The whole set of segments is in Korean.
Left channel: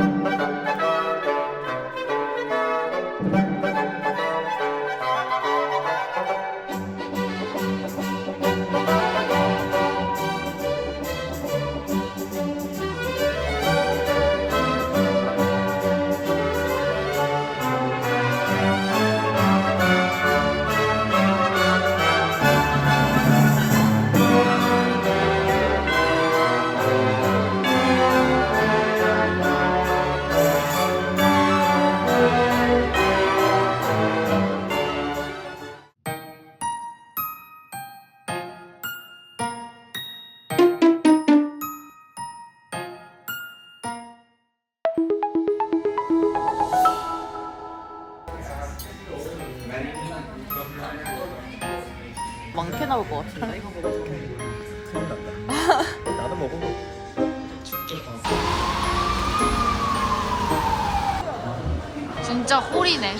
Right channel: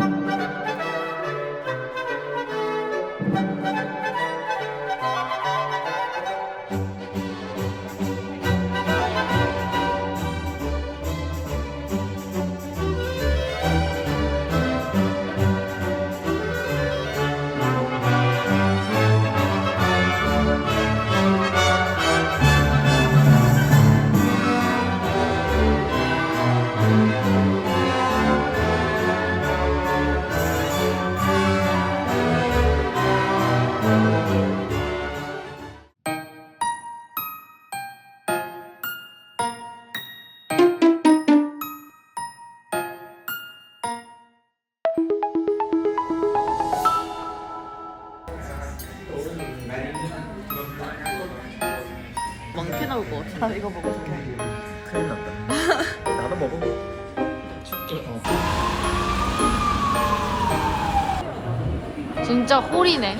많 나올 것 같아. 나 이거 먹어. 큰일 났다. 나도 먹어. 진짜 홀이네.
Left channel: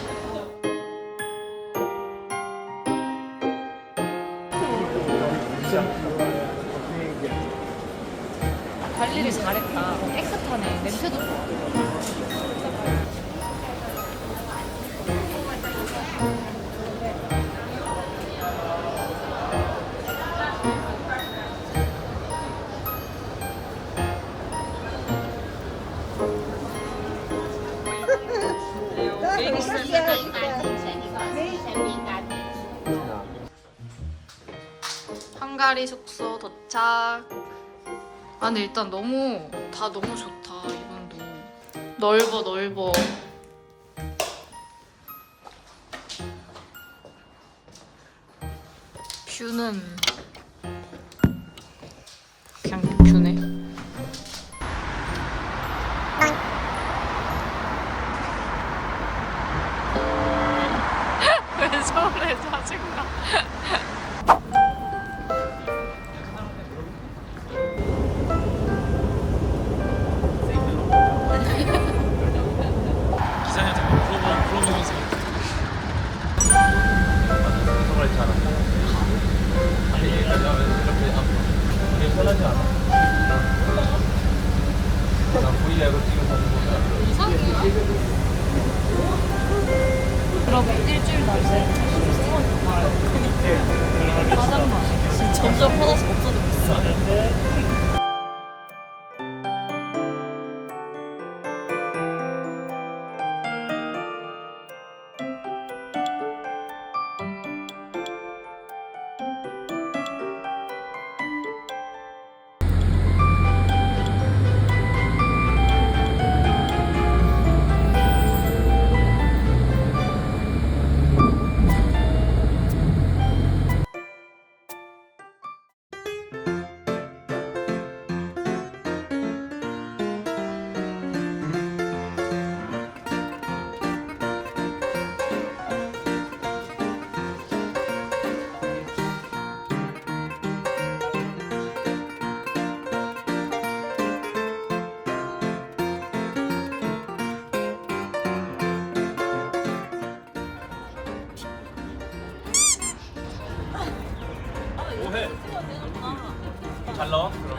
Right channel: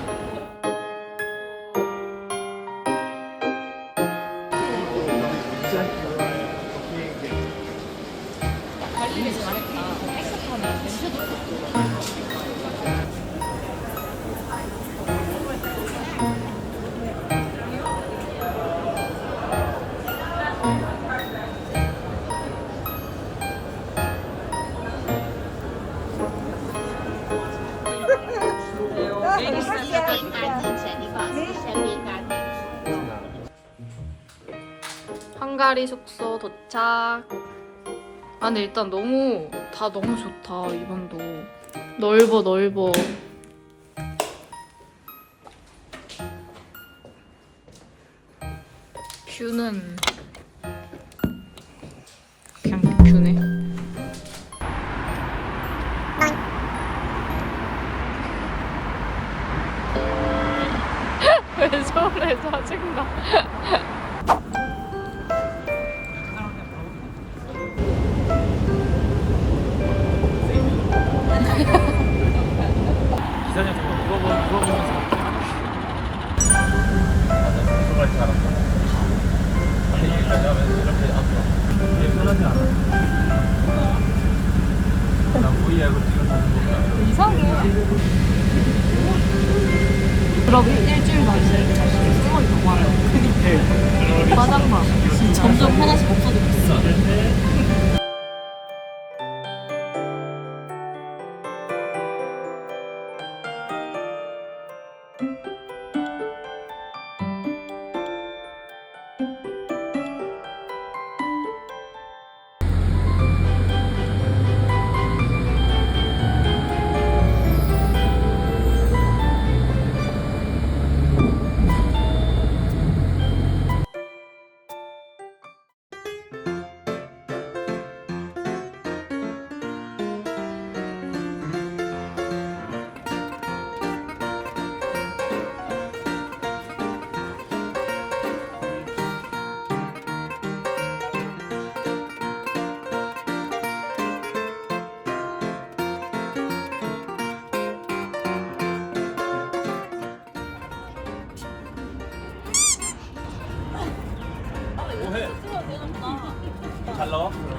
관리를 잘했다. 깨끗하네. 냄새도 좋아. 헝가리 숙소 도착. 아 근데 일단 너무 다 너무 좋다 이번도 넓어 넓어. 뷰는 잘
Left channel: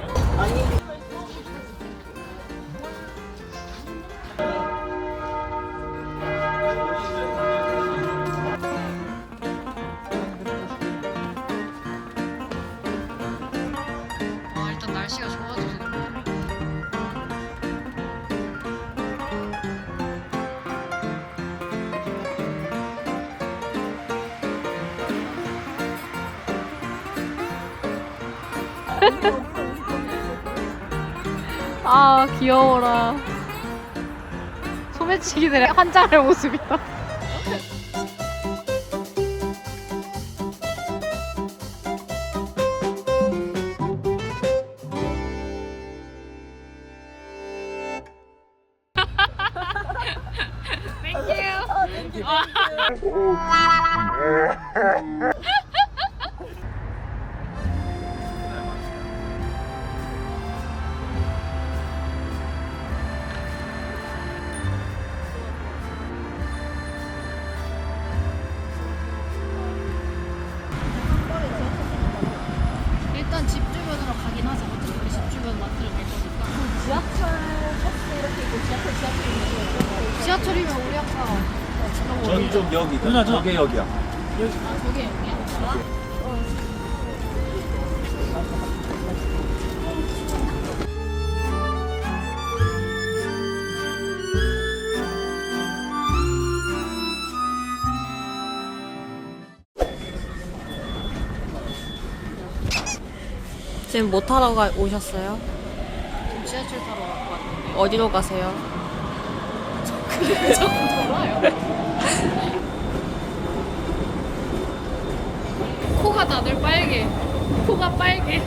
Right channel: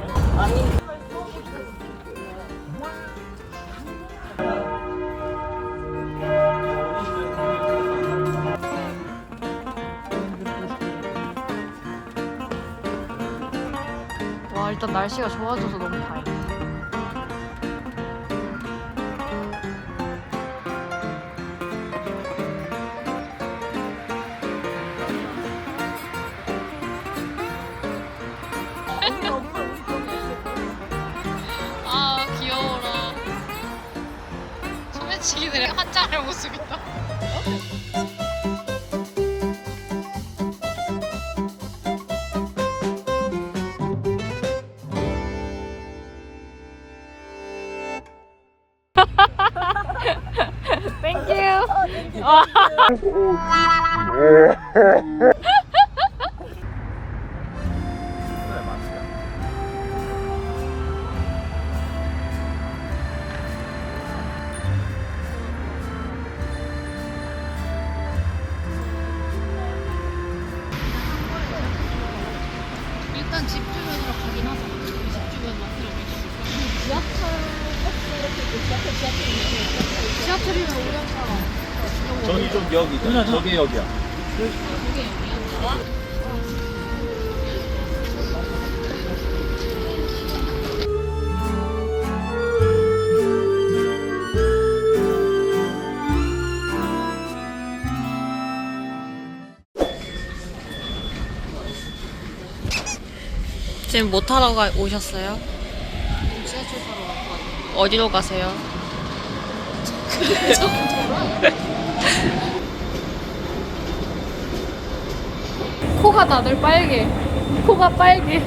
아 귀여워라. 소매치기들의 환장할 모습이다. 좀 여기 저게 여기야 지금 뭐 타러 가, 오셨어요? 지하철 타러 왔는데 어디로 가세요? 코가 다들 빨개. 코가 빨개.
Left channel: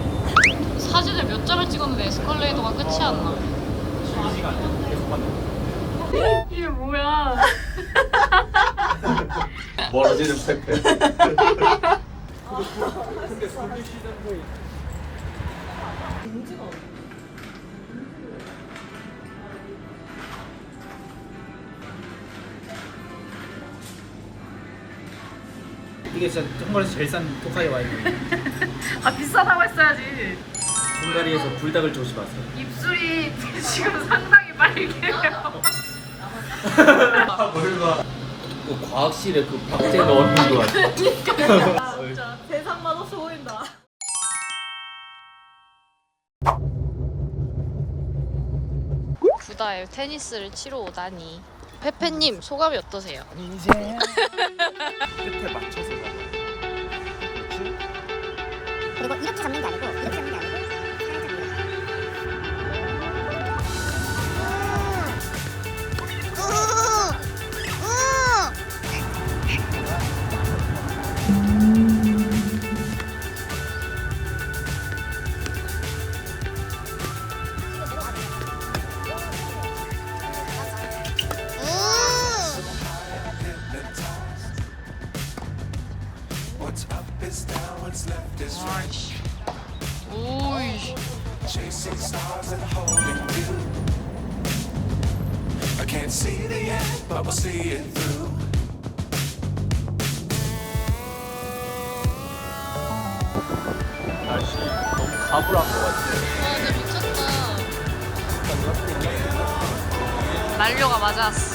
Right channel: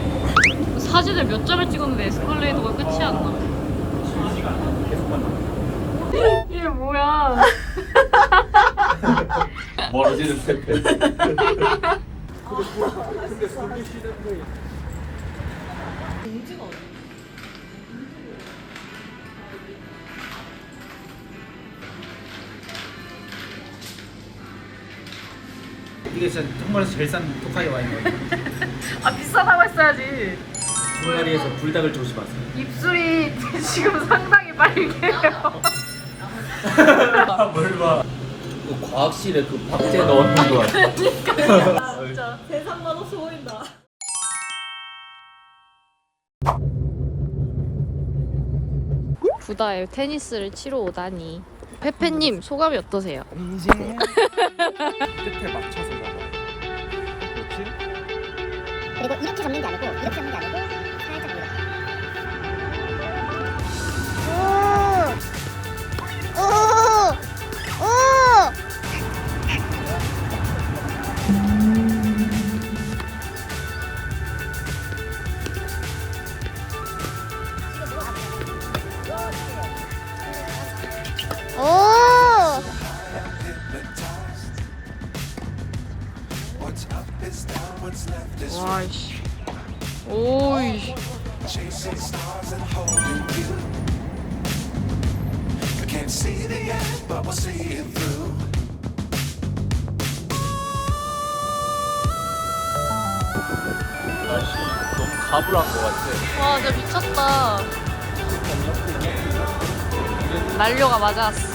사진을 몇 장을 찍었는데 에스컬레이터가 끝이 안 나네 이게 뭐야? 멀어지는 택배 이게 진짜 한국에서 제일 싼 독하게 와인이에요. 아 비싸다고 했어야지. 헝가리에서 불닭을 조심하세요. 입술이 지금 상당히 빨개요. 그 과학실에 그 박제 넣는 거 같아. 진짜 세상 맛없어 보인다. 구다에 테니스를 치러 오다니 페페님 소감이 어떠세요? 이제 끝에 맞춰서 잡아야 돼 그렇지? 그리고 이렇게 잡는 게 아니고 이렇게 잡는 게 아니고 살짝. 오! And holding you. I can't see the end, but we'll see it through. 와 진짜 미쳤다 난료가 맞았어.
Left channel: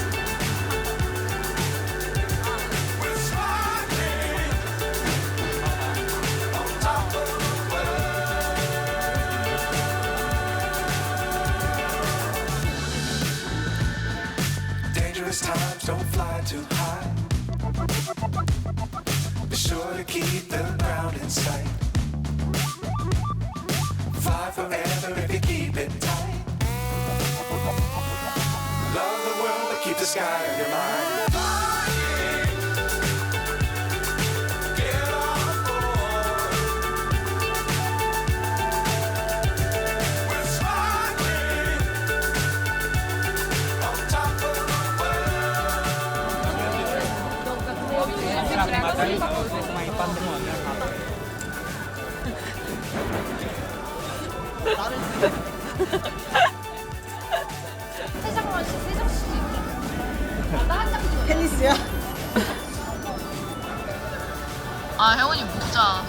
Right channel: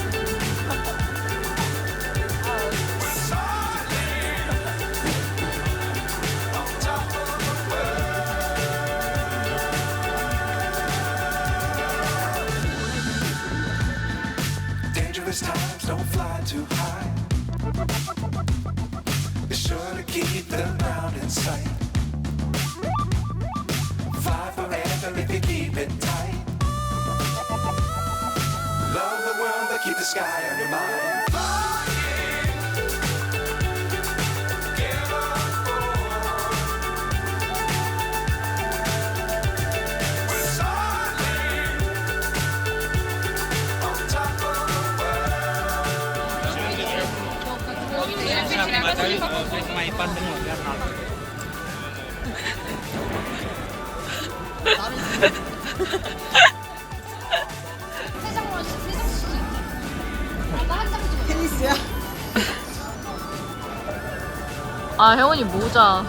아 혜원이 모자.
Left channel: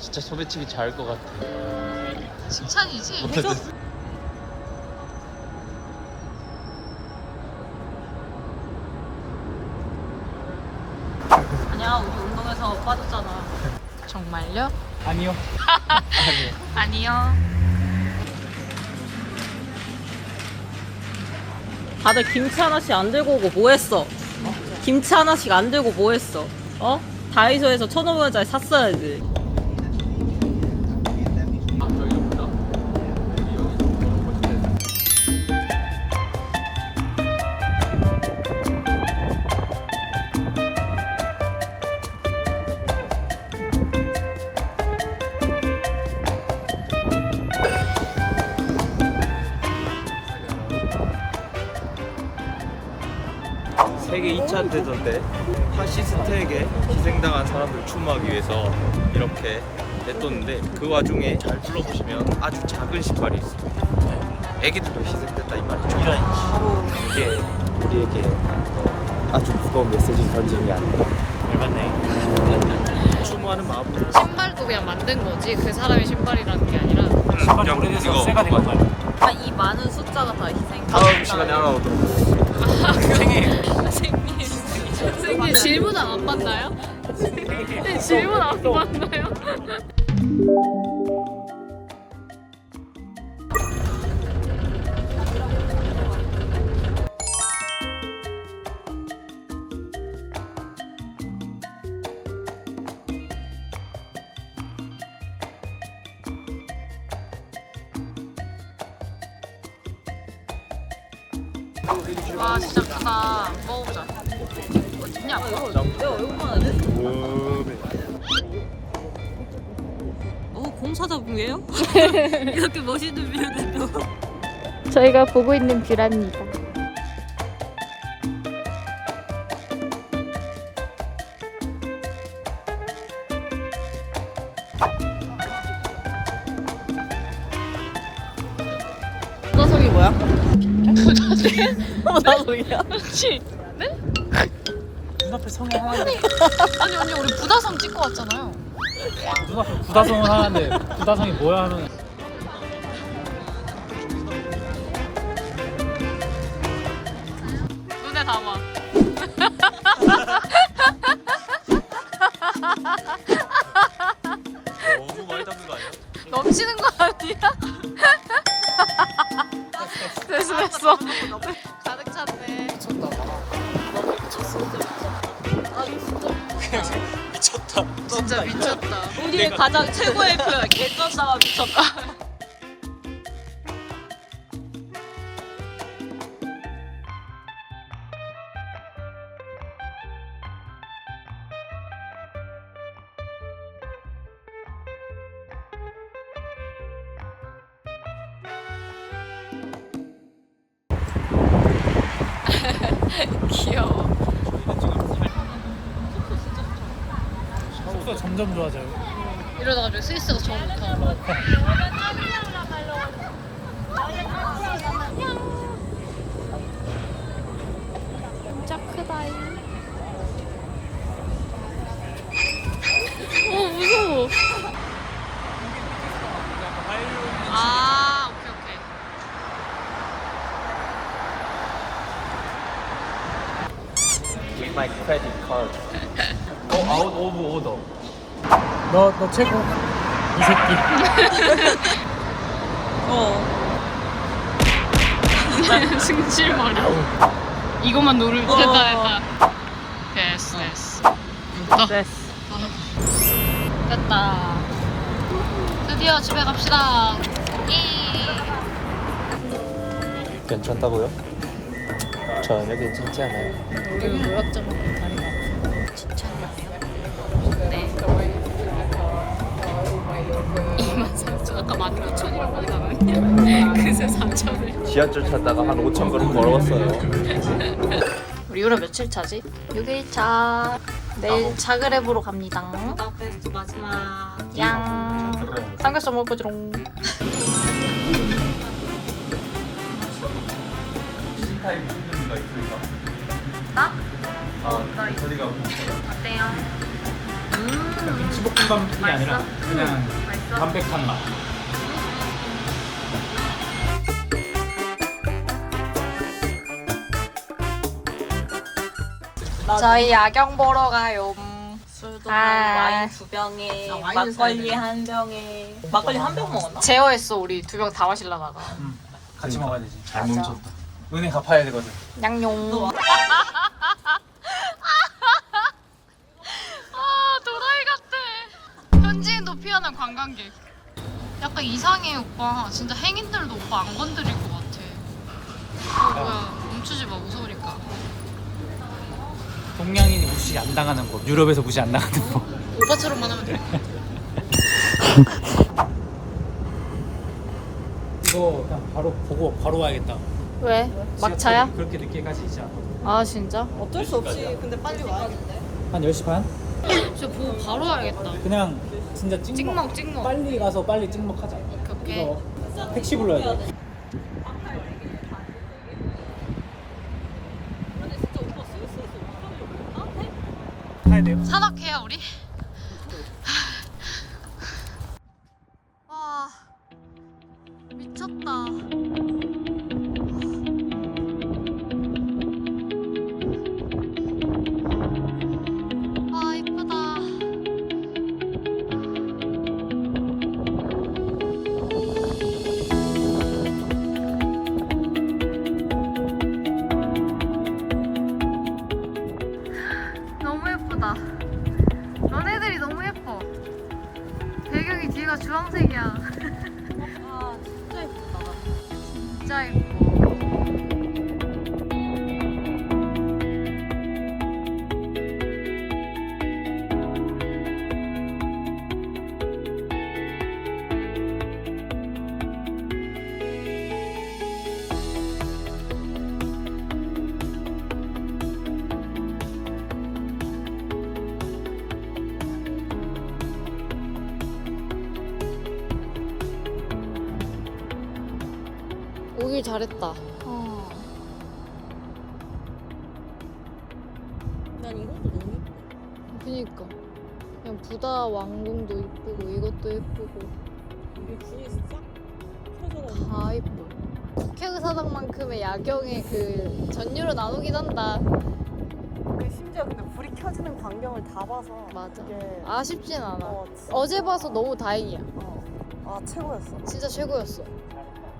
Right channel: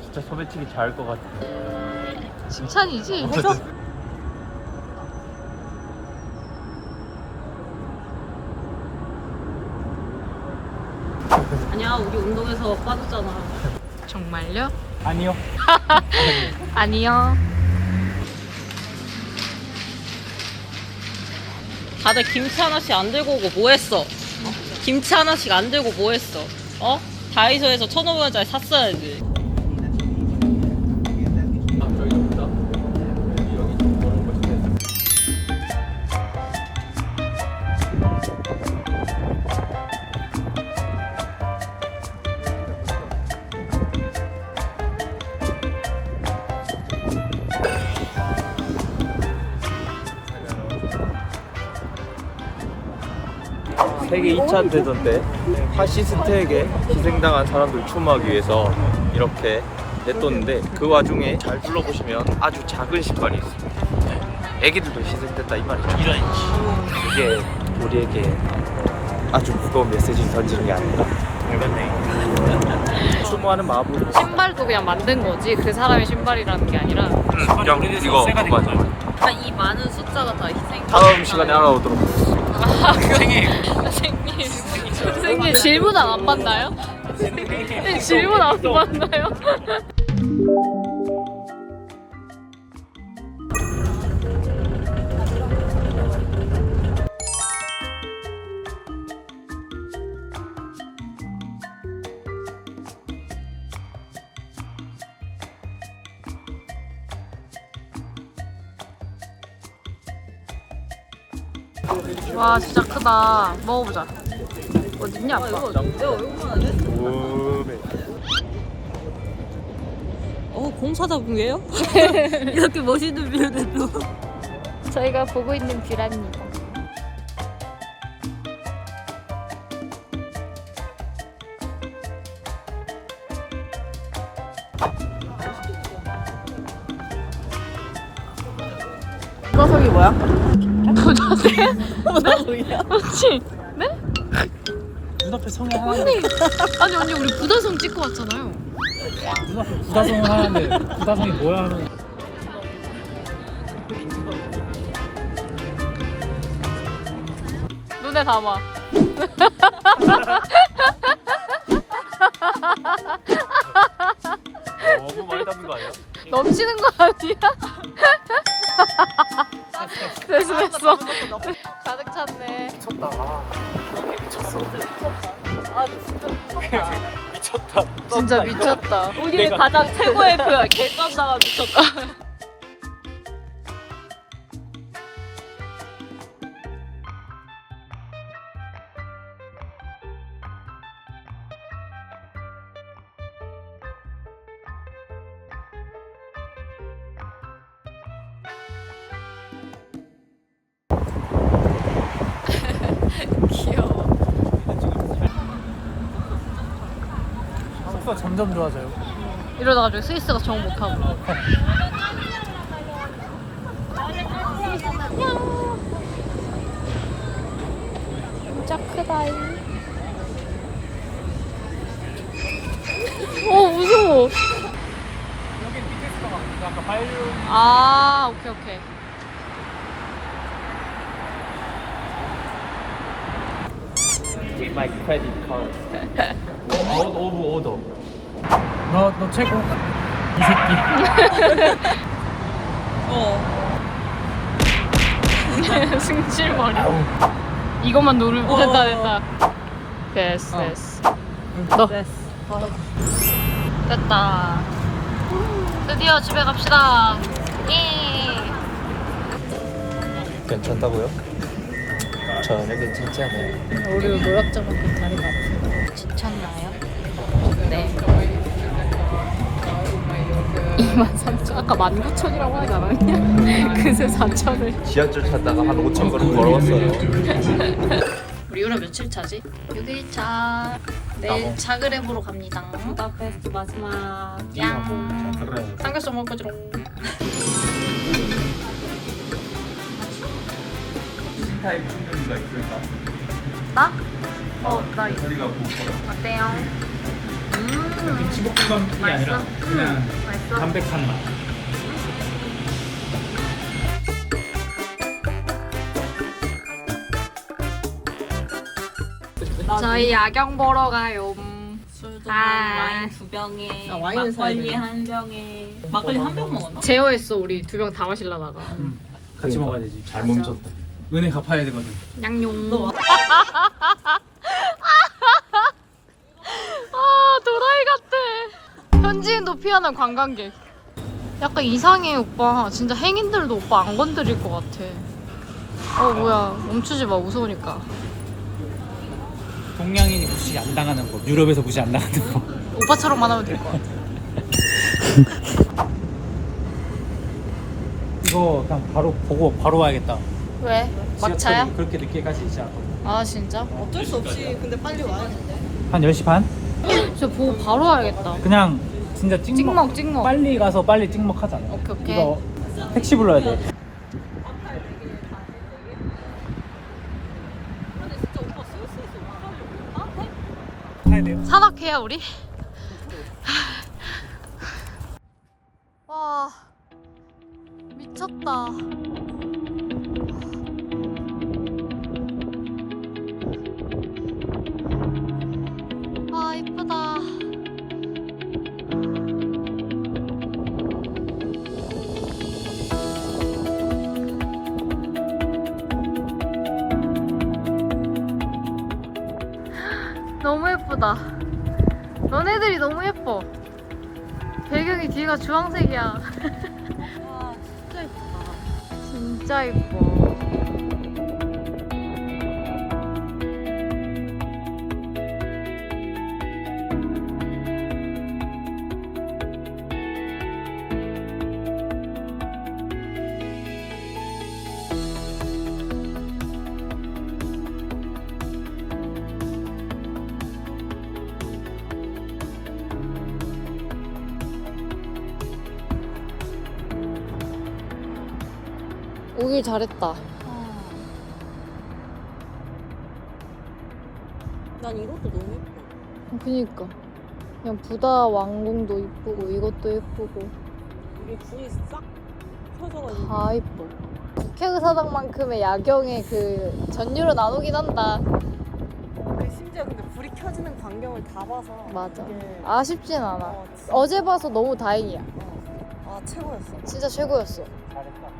진짜 소매치기 잘할 것 같아. 칭찬이지? 아니야, 우리 운동에서 빠졌잖아. 정말요? 아니요 아니요 다들 김치 하나씩 안 들고 오고 뭐 했어? 김치 하나씩 안 들고 뭐 했어? 어? 다이소에서 1,500원짜리 샀어야지. 세계 2차 대전 때 파시스트에게 희생당한 사람들 추모하기 위해서 이렇게 냈뒀는데 그 와중에 잘 둘러보시면 아주 작은 신발이 있습니다. 애기들도 희생됐다 이 말이죠. 이게 우리에게 아주 무거운 메시지를 던지는 게 아니고 열받네. 추모하는 마음으로 신발도 그냥 만든 거지 그 사람의 신발이라는 게 아니라 그냥 이거 맞아. 이 많은 숫자가 다 희생. 다음 시간에 알아오도록. 선생님 선생님 질문 안 받나요? 네, 질문 안 받나요? 아빠 내 얼굴만 하지? 어, 공사자분이에요? 이렇게 멋있는 뷰를 저희가 보고 있는 뷰랍니다 부다성이 뭐야? 부다성이야? 그렇지 하나 아니 언니 우리 부다섬 찍고 왔잖아요. 부다성을 하는데 부다성이 뭐야 하는 눈에 담아. 너무 많이 담는 거 아니야? 넘치는 거 아니야? 됐어 됐어 미쳤다. 진짜 미쳤다 우리 가장 최고의 표야. 객관다가 미쳤다. 귀여워 속도가 점점 좋아져요. 이러다가 스위스가 적응 못하고. 진짜 크다잉. 어 무서워. 아 오케이 오케이. With my credit card. 어, out of order. 너, 너 최고 어. 승질머리 이것만 누르면 어. 됐다 됐다 됐어 됐어 너 됐어. 됐다 드디어 집에 갑시다 예. 괜찮다고요? 전혀 괜찮지 않아요. 우리 노약자만큼 다리가 아프 23,000 아까 19,000이라고 하지 않았냐? 그새 4,000을 지하철 타다가 한 5천 걸음 걸어왔어요. 우리 유럽 며칠 차지? 6일차 내일 자그레브로 갑니다 부다페스트 마지막. 양 삼겹살 먹을 거지롱 나? 어, 나 있어. 어때요? 음, 지복분감이 아니라? 그냥 음? 담백한 맛 저희 야경 보러 가요. 아. 와인 두 병에 아, 와인은 사야 막걸리 돼. 한 병에 막걸리 한 병 먹었나? 제어했어, 우리 두 병 다 마실라다가. 같이 먹어야 되지 잘 멈췄다 은혜 갚아야 되거든 양용. 피하는 관광객. 약간 이상해, 오빠. 진짜 행인들도 오빠 안 건드릴 것 같아. 어, 뭐야. 멈추지 마, 무서우니까. 동양인이 무시 안 당하는 법 유럽에서 무시 안 당하는 법 오빠처럼만 하면 될 것 같아. 이거 그냥 바로 보고 바로 와야겠다 왜? 막차야? 지하철이 그렇게 늦게까지 있지 않거든 아, 진짜? 어쩔 수 없이 근데 빨리 와야겠네. 한 10시 반? 진짜 보고 바로 와야겠다. 그냥 진짜 찍먹, 찍먹, 찍먹. 빨리 가서 빨리 찍먹 하자 오케이, 오케이. 이거 택시 불러야 돼? 타야 돼요 산악회야 우리? 예쁘다. 너네들이 너무 예뻐. 배경이 뒤가 주황색이야. 와 진짜 예쁘다. 진짜 예뻐. 오길 잘했다. 난 이것도 너무 예뻐. 그니까. 그냥 부다 왕궁도 이쁘고 이것도 예쁘고 이게 불이 싹 있는. 다 이뻐. 국회의사당만큼의 야경에 그 전율은 나오긴 한다. 근데 심지어 근데 불이 켜지는 광경을 다 봐서 맞아. 이게 아쉽진 않아. 어. 어제 봐서 너무 다행이야. 아 최고였어. 진짜 최고였어.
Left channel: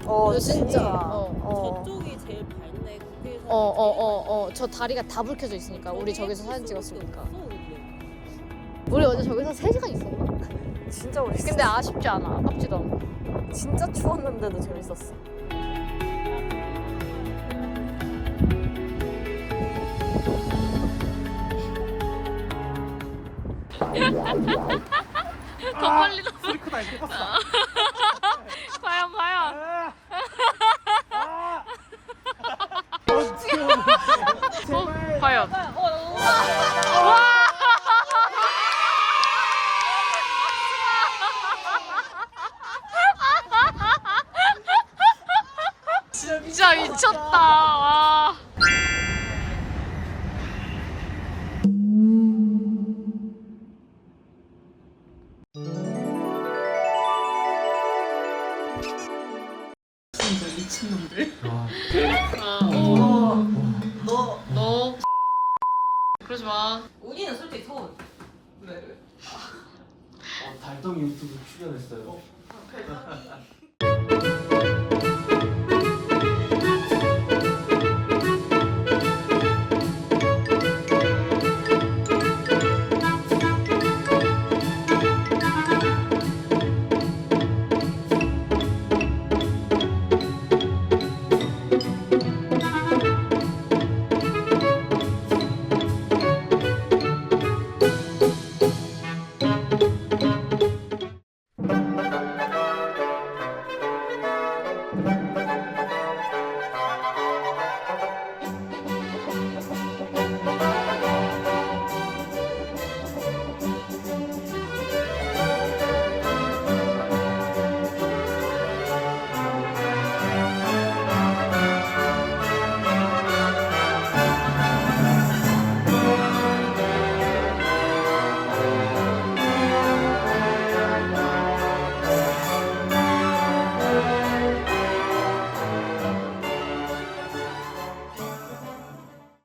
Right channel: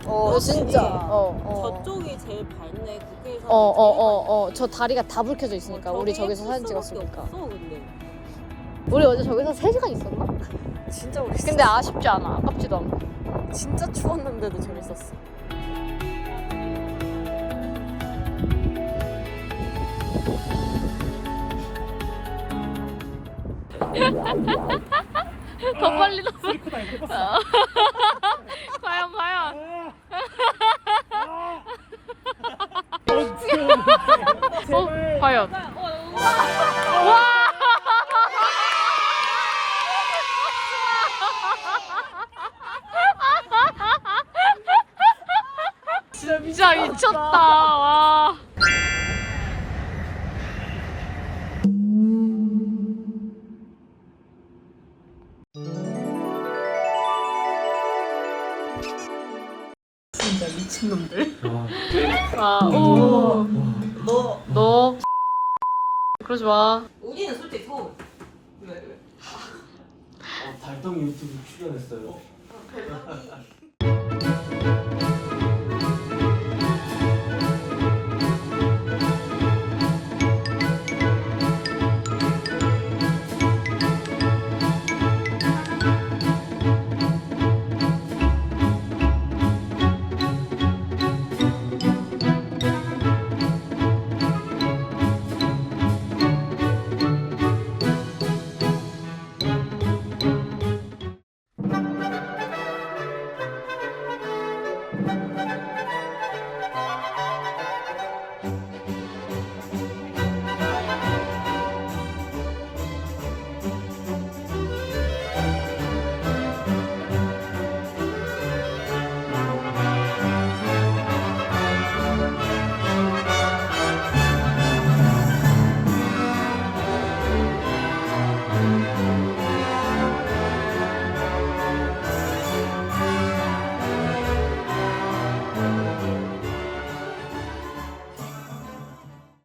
어너 진짜. 어, 어. 저쪽이 제일 밝네 국회에서. 어, 어, 어, 어. 저 다리가 다 불 켜져 있으니까. 우리 저기서 사진 찍었으니까. 없어 근데. 우리 어제 저기서 3시간 있었나? 진짜 우리 근데 아쉽지 않아. 아깝지도 않고. 진짜 추웠는데도 재밌었어. 더 빨리 나. 소리 크다 이거 봤어. 과연, 과연. 어, 과연. 와! 왜 왜? 달동 유튜브 출연했어요